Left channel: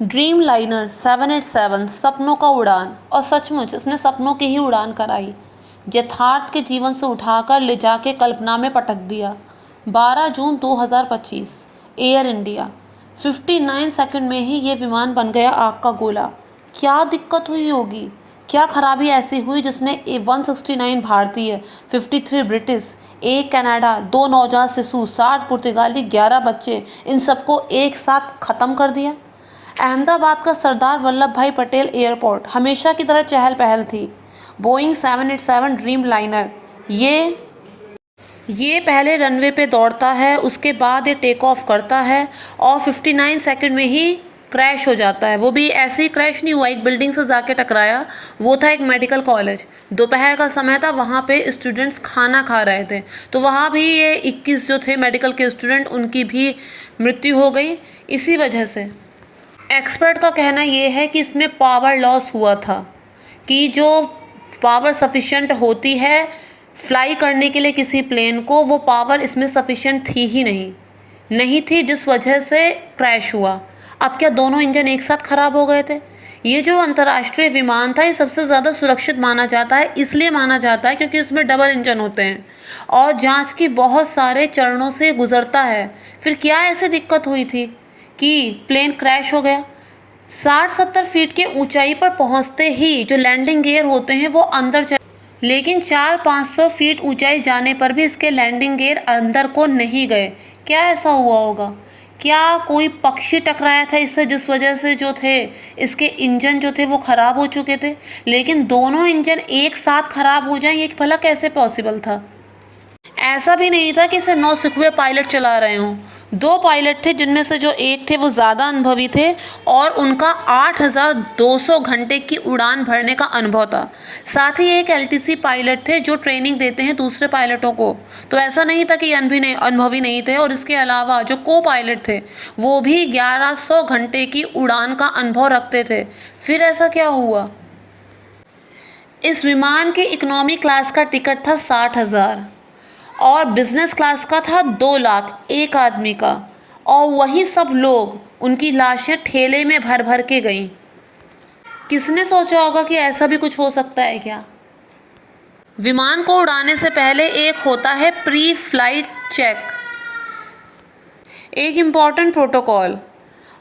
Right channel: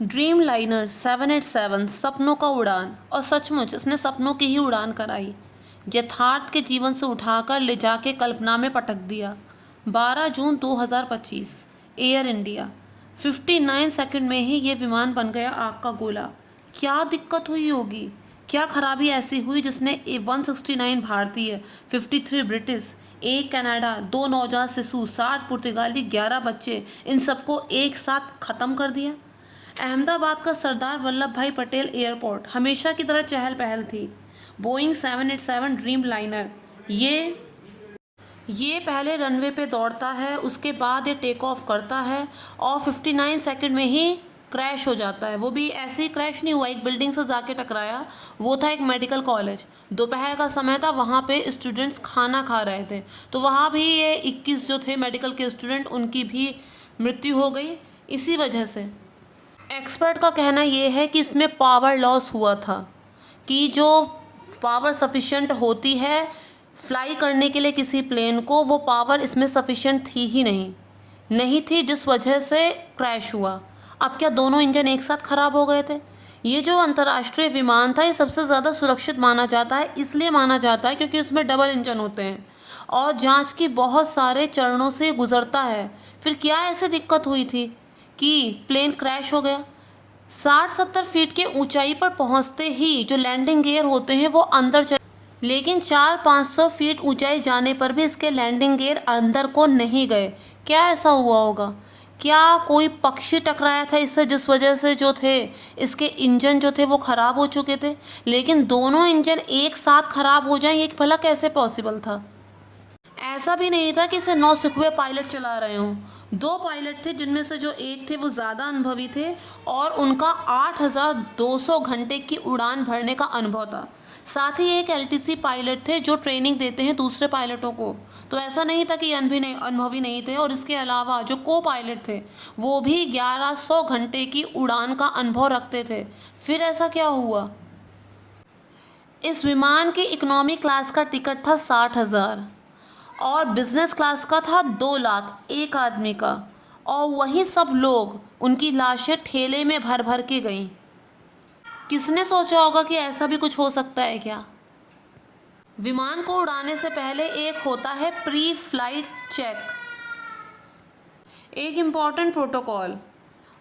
Dream liner 787 सपनों का उड़ान, और सचमुच इसने सपनों की ही उड़ान कराई। यथार्थ के जीवन से उठाकर ले जाके कल्पना में पटक दिया। 12 जून 2025 एयर इंडिया। 59 सेकंड में ही ये विमान बन गया आग का गोला। क्या दिक्कत हुई होगी, क्या खराबी ऐसी हुई जिसने 169 भारतीय, 53 ब्रिटिश, 1 कनाडा, 2 नवजात शिशु, 60 पुर्तगाली, 11 बच्चे, इन सबको एक साथ ख़त्म कर दिया। अहमदाबाद का सरदार वल्लभ भाई पटेल एयरपोर्ट हमेशा की तरह चहल पहल थी। बोइंग 787 ड्रीम लाइनर ये पहले रनवे पे दौड़ता है, उसके बाद ये टेक ऑफ करता है और 59 सेकंड में ही क्रैश हो जाता है। वो भी ऐसे ही क्रैश नहीं हुआ, एक बिल्डिंग से जाके टकराया। वो था एक मेडिकल कॉलेज, दोपहर का समय था, वहाँ पे स्टूडेंट्स खाना खा रहे थे, तो वहाँ भी ये 21 जो थे मेडिकल के स्टूडेंट, उनकी भी मृत्यु हो गई इसी वजह से। एक्सपर्ट का कहना ये है कि इसमें पावर लॉस हुआ था, कि जो पावर सफिशिएंट होती है फ्लाई करने के लिए किसी प्लेन को, वो पावर इसमें सफिशिएंट थी ही नहीं थी, जिस वजह से क्रैश हुआ। अब क्या दोनों इंजन एक साथ ख़राब हो गए थे? ये जो अंतर्राष्ट्रीय विमान था, ये सबसे ज़्यादा सुरक्षित माना जाता है, इसलिए माना जाता है क्योंकि इसमें डबल इंजन होते हैं और जांच की बहुत सारे चरणों से गुजरता है। फिर क्या ऐसे दिक्कत हुई थी कि प्लेन क्रैश हो गया? 60-70 फीट के ऊंचाई पर पहुंचते ही जो लैंडिंग गियर होते हैं वो अंदर चले, लेकिन 400-500 फीट ऊंचाई जाने पर भी इसके लैंडिंग गियर अंदर को नहीं गए। क्या ऐसा हुआ होगा? क्या कोई पक्षी टकराया था इससे, जिस वजह से जो थे इसके इंजन जो थे वो ख़राब हो चुके थे? लेकिन दोनों इंजन एक साथ ख़राब हो जाएं, ये भला कैसे पॉसिबल था? ऐसा भी नहीं था कि इसे नौसिखुए पायलट चला रहे हों। 2 पायलट थे, जिनमें से जो एक थे वो ज़्यादा अनुभवी थे और उनका 8200 घंटे की उड़ान भरने का अनुभव था। साथ ही एक एलटीसी पायलट थे जो ट्रेनिंग देते हैं दूसरे पायलटों को, तो ऐसा नहीं था कि अनुभवी नहीं थे। और इसके अलावा जो को पायलट थे वो भी 1100 घंटे की उड़ान का अनुभव रखते थे। फिर ऐसा क्या हुआ? इस विमान के इकोनॉमी क्लास का टिकट था 60,000 और बिजनेस क्लास का था 2 लाख एक आदमी का, और वही सब लोग, उनकी लाशें ठेले में भर भर के गईं। किसने सोचा होगा कि ऐसा भी कुछ हो सकता है क्या? विमान को उड़ाने से पहले एक होता है प्री फ्लाइट चेक, एक इम्पॉर्टेंट प्रोटोकॉल,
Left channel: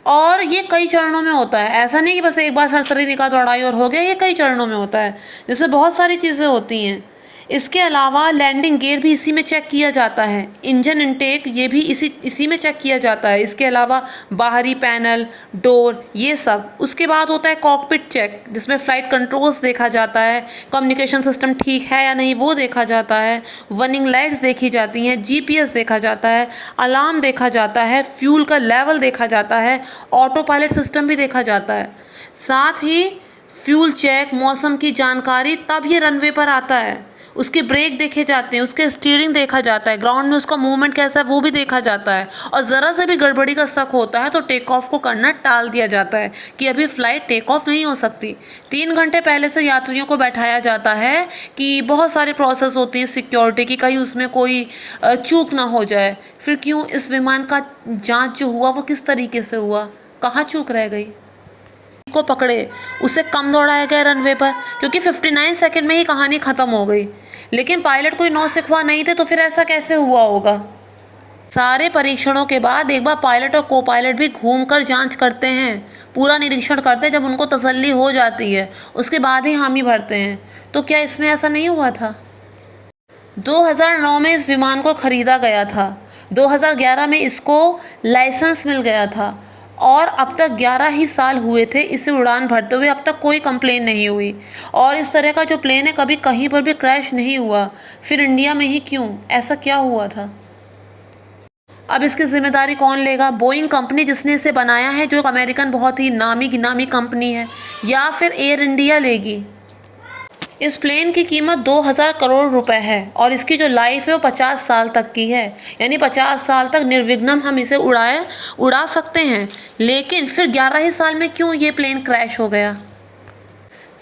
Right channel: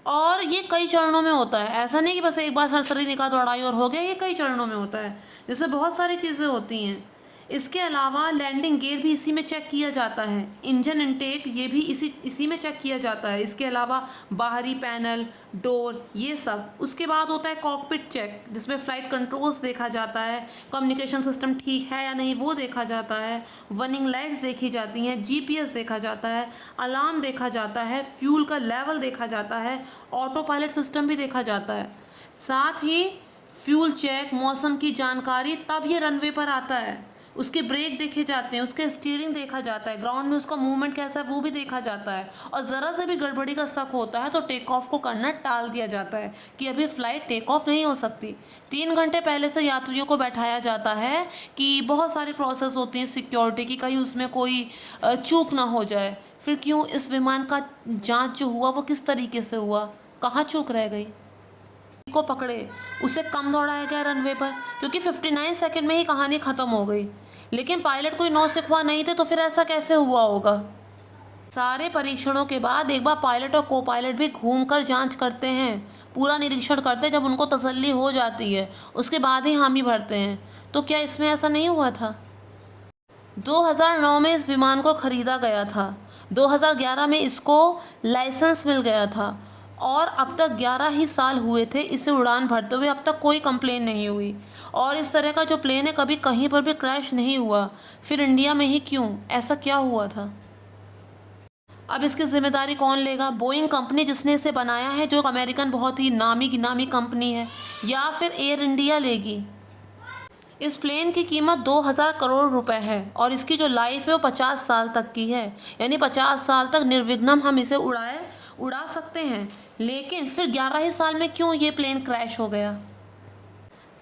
और ये कई चरणों में होता है। ऐसा नहीं कि बस एक बार सरसरी निकाह दौड़ाई और हो गया, ये कई चरणों में होता है, जिससे बहुत सारी चीज़ें होती हैं। इसके अलावा लैंडिंग गियर भी इसी में चेक किया जाता है, इंजन इनटेक ये भी इसी में चेक किया जाता है। इसके अलावा बाहरी पैनल, डोर, ये सब। उसके बाद होता है कॉकपिट चेक, जिसमें फ़्लाइट कंट्रोल्स देखा जाता है, कम्युनिकेशन सिस्टम ठीक है या नहीं वो देखा जाता है, वार्निंग लाइट्स देखी जाती हैं, जीपीएस देखा जाता है, अलार्म देखा जाता है, फ्यूल का लेवल देखा जाता है, ऑटो पायलट सिस्टम भी देखा जाता है। साथ ही फ्यूल चेक, मौसम की जानकारी, तब ये रनवे पर आता है। उसके ब्रेक देखे जाते हैं, उसके स्टीयरिंग देखा जाता है, ग्राउंड में उसका मूवमेंट कैसा है वो भी देखा जाता है, और ज़रा से भी गड़बड़ी का शक होता है तो टेक ऑफ को करना टाल दिया जाता है कि अभी फ़्लाइट टेक ऑफ नहीं हो सकती। 3 घंटे पहले से यात्रियों को बैठाया जाता है कि बहुत सारे प्रोसेस होती है सिक्योरिटी की, कहीं उसमें कोई चूक ना हो जाए। फिर क्यों इस विमान का जाँच जो हुआ वो किस तरीके से हुआ, कहाँ चूक रह गई? को पकड़े, उसे कम दौड़ाया गया रनवे पर, क्योंकि 59 सेकंड में ही कहानी ख़त्म हो गई। लेकिन पायलट कोई नौसिखुआ नहीं थे, तो फिर ऐसा कैसे हुआ होगा? सारे परीक्षणों के बाद एक बार पायलट और को पायलट भी घूमकर जांच करते हैं, पूरा निरीक्षण करते हैं। जब उनको तसल्ली हो जाती है उसके बाद ही हामी भरते हैं। तो क्या इसमें ऐसा नहीं हुआ था? 2009 में इस विमान को ख़रीदा गया था, 2011 में इसको लाइसेंस मिल गया था, और अब तक 11 ही साल हुए थे इसे उड़ान भरते हुए, अब तक कोई कंप्लेन नहीं हुई। और इस तरह का जो प्लेन है कभी कहीं पर भी क्रैश नहीं हुआ। फिर इंडिया में ही क्यों? ऐसा क्या हुआ था? अब इसकी जिम्मेदारी कौन लेगा? बोइंग कंपनी जिसने इसे बनाया है, जो अमेरिकन बहुत ही नामी गिनामी कंपनी है, या फिर एयर इंडिया लेगी? इस प्लेन की कीमत 2000 करोड़ रुपए है और इसकी जो लाइफ है वो 50 साल तक की है, यानी 50 साल तक निर्विघ्न हम इसे उड़ा सकते हैं। लेकिन फिर 11 ही साल में क्यों ये प्लेन क्रैश हो गया?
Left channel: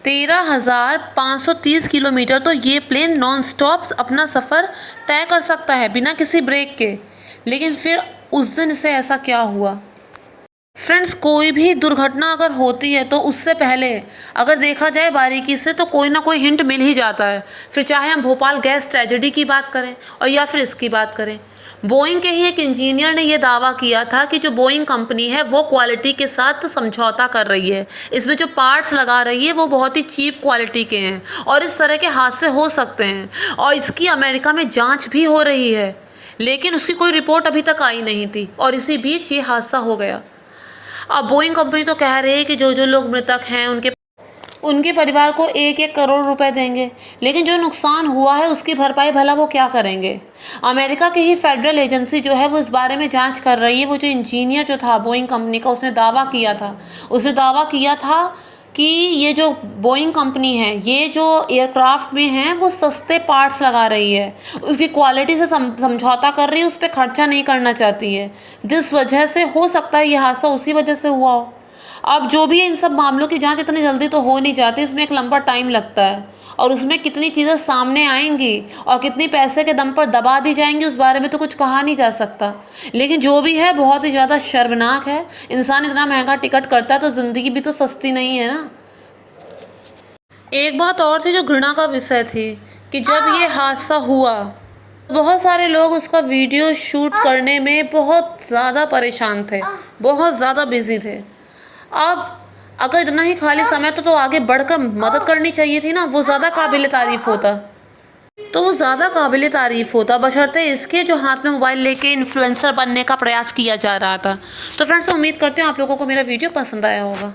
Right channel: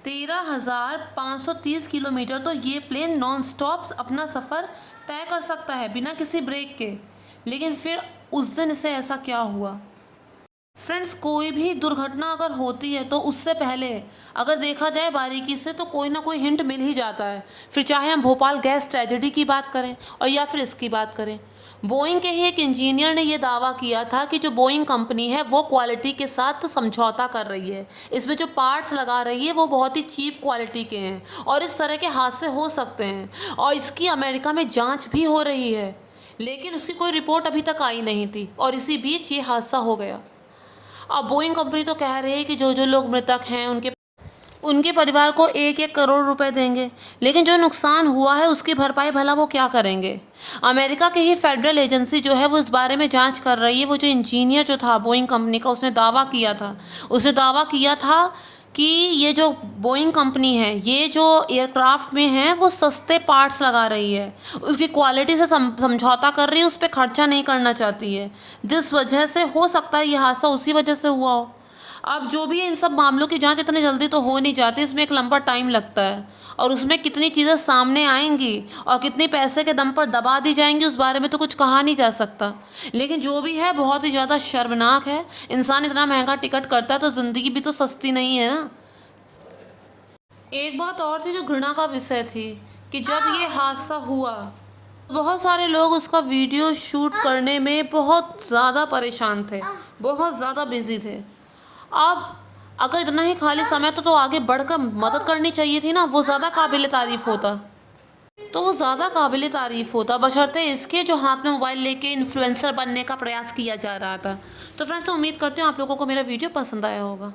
13,530 किलोमीटर तो ये प्लेन नॉन स्टॉप अपना सफ़र तय कर सकता है बिना किसी ब्रेक के। लेकिन फिर उस दिन इसे ऐसा क्या हुआ? फ्रेंड्स, कोई भी दुर्घटना अगर होती है तो उससे पहले अगर देखा जाए बारीकी से तो कोई ना कोई हिंट मिल ही जाता है। फिर चाहे हम भोपाल गैस ट्रेजेडी की बात करें और या फिर इसकी बात करें। बोइंग के ही एक इंजीनियर ने यह दावा किया था कि जो बोइंग कंपनी है वो क्वालिटी के साथ समझौता कर रही है, इसमें जो पार्ट्स लगा रही है वो बहुत ही चीप क्वालिटी के हैं और इस तरह के हादसे हो सकते हैं और इसकी अमेरिका में जांच भी हो रही है, लेकिन उसकी कोई रिपोर्ट अभी तक आई नहीं थी और इसी बीच ये हादसा हो गया। अब बोइंग कंपनी तो कह रही है कि जो जो लोग मृतक हैं उनके परिवार को 1-1 करोड़ रुपए देंगे, लेकिन जो नुकसान हुआ है उसकी भरपाई भला वो क्या करेंगे। अमेरिका की ही फेडरल एजेंसी जो है वो इस बारे में जांच कर रही है। वो जो इंजीनियर जो था बोइंग कंपनी का, उसने दावा किया था कि ये जो बोइंग कंपनी है ये जो एयरक्राफ्ट में है वो सस्ते पार्ट्स लगा रही है, उसकी क्वालिटी से समझौता कर रही है, उस पर खर्चा नहीं करना चाहती है, जिस वजह से हो सकता है ये हादसा उसी वजह से हुआ हो। अब जो भी है, इन सब मामलों की जांच इतनी जल्दी तो हो नहीं जाती, इसमें एक लंबा टाइम लगता है और उसमें कितनी चीज़ें सामने आएंगी और कितनी पैसे के दम पर दबा दी जाएंगी उस बारे में तो कुछ कहा नहीं जा सकता। लेकिन जो भी है बहुत ही ज़्यादा शर्मनाक है। इंसान इतना महंगा टिकट करता है तो ज़िंदगी भी तो सस्ती नहीं है ना। एक बात और थी जो घृणा का विषय थी कि जब ये हादसा हुआ बहुत सारे लोग उसका वीडियो शूट करने में बहुत ज़्यादा परेशान थे, बहुत ज़्यादा बिजी थे। अब अगर इतना ही खाली समय था तो आगे बढ़कर मदद करनी चाहिए थी ना, वो ज़्यादा काबिल तारीफ़ होता बशर्ते इसके जो हाथ में मोबाइल लेके इन्फ्लुएंसर बनने का प्रयास किया जा रहा था। तो फ्रेंड्स, उम्मीद करते हैं आप लोगों को मेरा वीडियो पसंद आया होगा।